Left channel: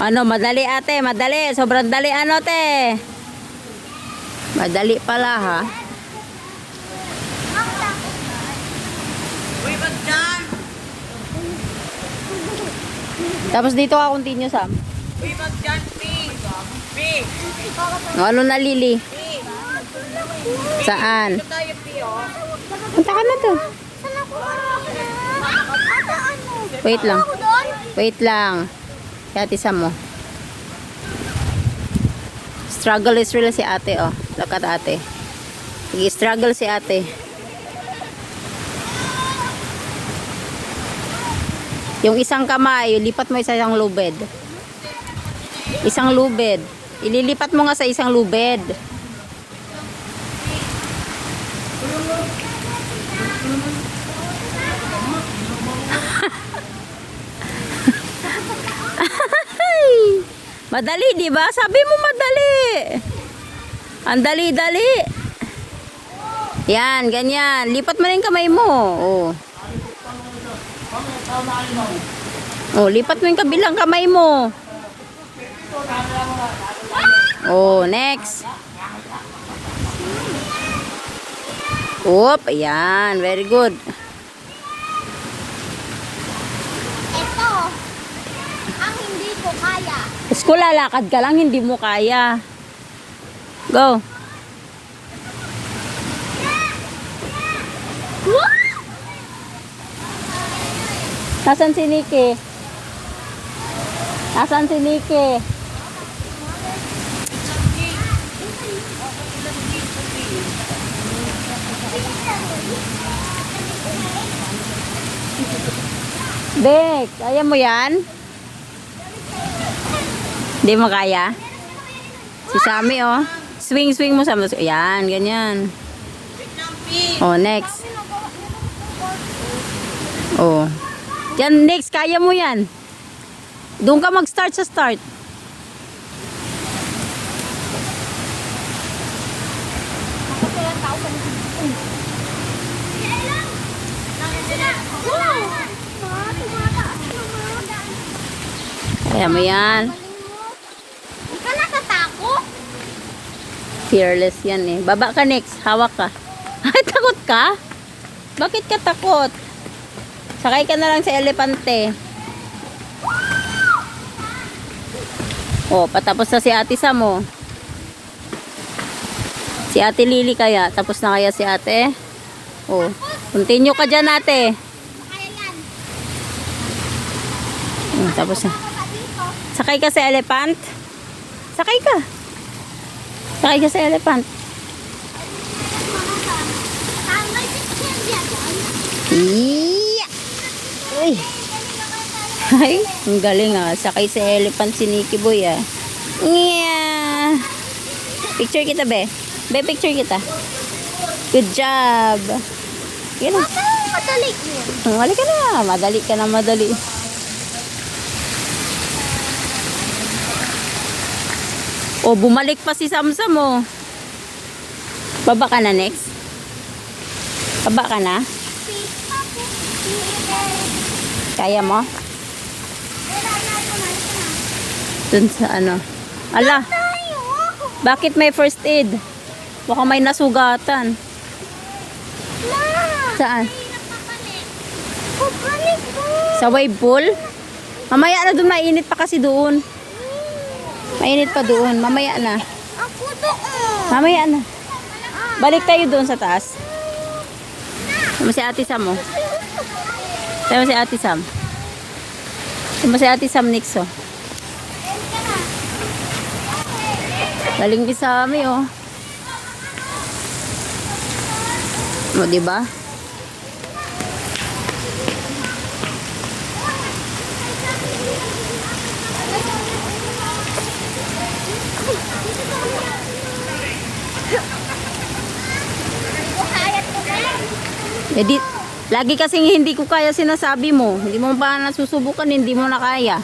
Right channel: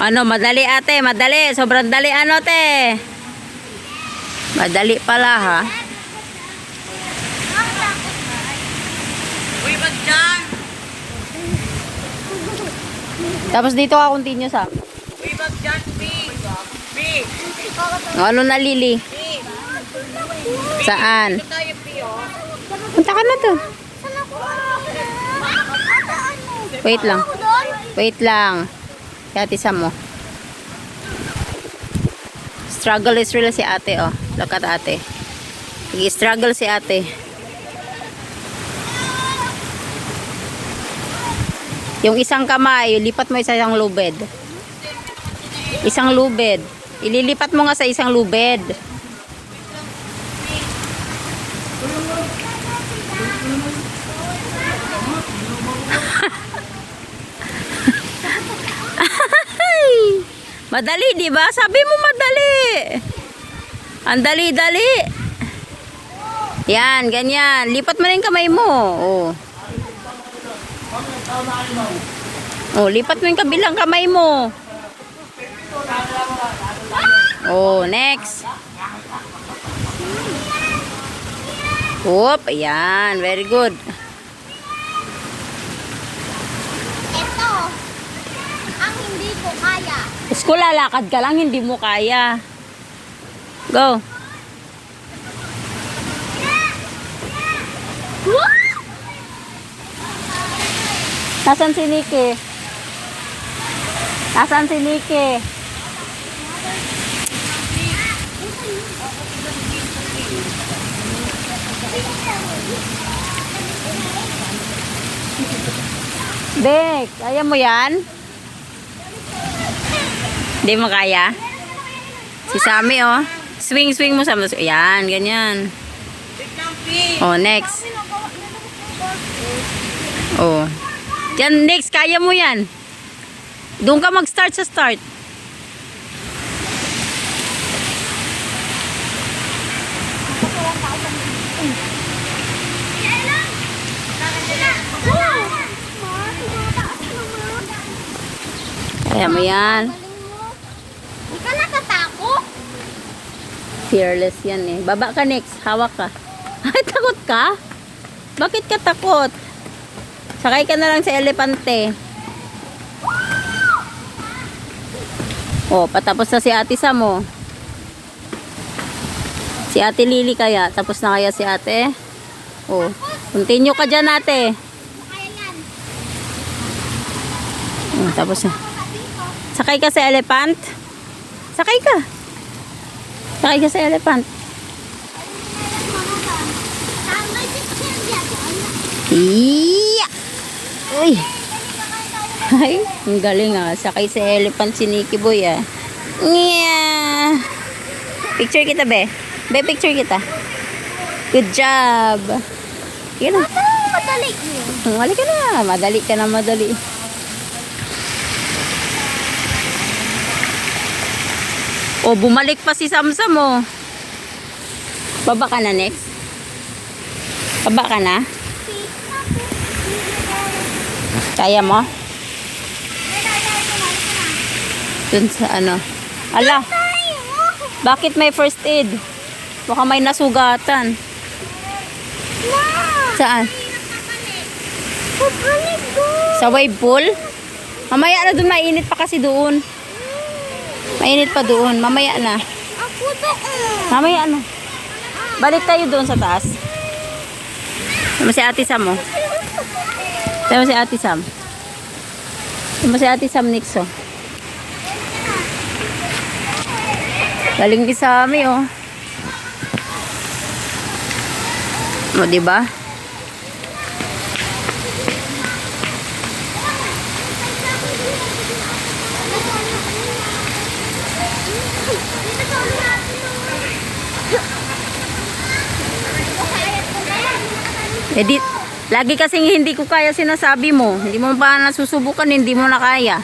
Ano, madali ate, madali. Sobrang dali ano te. Madali pala ha. Tapos dito ka continue Sam. Ano na Lily? Saan? Punta ka na to. Wait lang. Wait lang. Ate Sam mo. Struggle is real si ate oh. Look at ate. Sige, struggle si ate. Yung isang kamay, lipat mo sa isang lubed. Isang lubed. Ililipat mo nga sa isang lubed. Madali, di ba? Sabi mo madali. Ang dali-dali. Yan, ganyan. Lipat mo na yung kamay mo. Oh. Oh, lipat mo yung kabilang kamay mo. Oh, next. Oop, ayan. Very good. Kung lalakad ka lang, hindi mo kaya. Go. Nasaan si Nikki? Nasaan si Nikki? Bek, kaya mo yan? Hindi mo kaya? Si Sammy oh. Swing mo sa mga. Yan, ganyan. Oh, next. Oh. Yan, next. Kaya mo yan. Doon ka mag-start sa start. Kaya mo yan. Fearless yan eh. Baba ka next. Hawak ka. Ay, takot ka? Bakit ka takot? Sakay ka na lang sa elepante. Oh, patapos na si ate Sam mo. Si ate Lily kaya. Tapos na kaya si ate? Oh, continue ka dyan ate. Oh, tapos na. Sakay ka sa elephant? Sakay ka. Sakay ka sa elephant. Iya! Uy! Ay, ang galing ah. Sakay sa elephant si Nikki Boy ah. Yeah! Picture kita be. Be, picture kita. Good job. Sige na. Madali yun. Madali ka na. Madali ka na madali. O, bumalik pa si Samsam mo. Baba ka na next. Baba ka na. Kaya mo? Dun sa ano. Ala. Bakit may first aid? Baka may nasugatan. Saan? Sa wave pool? Mamaya na dun, mainit pa kasi doon. Mainit pa doon. Mamaya na. Mamaya na. Balik tayo doon sa taas. Sama si ate Sam mo. Sama si ate Sam. Sama si ate Sam next oh. Galing din sa amin oh. O diba? Lagi kasing hindi ko kaya sinasabi mo. Hindi mo pa nasusubukan, hindi mo na kaya.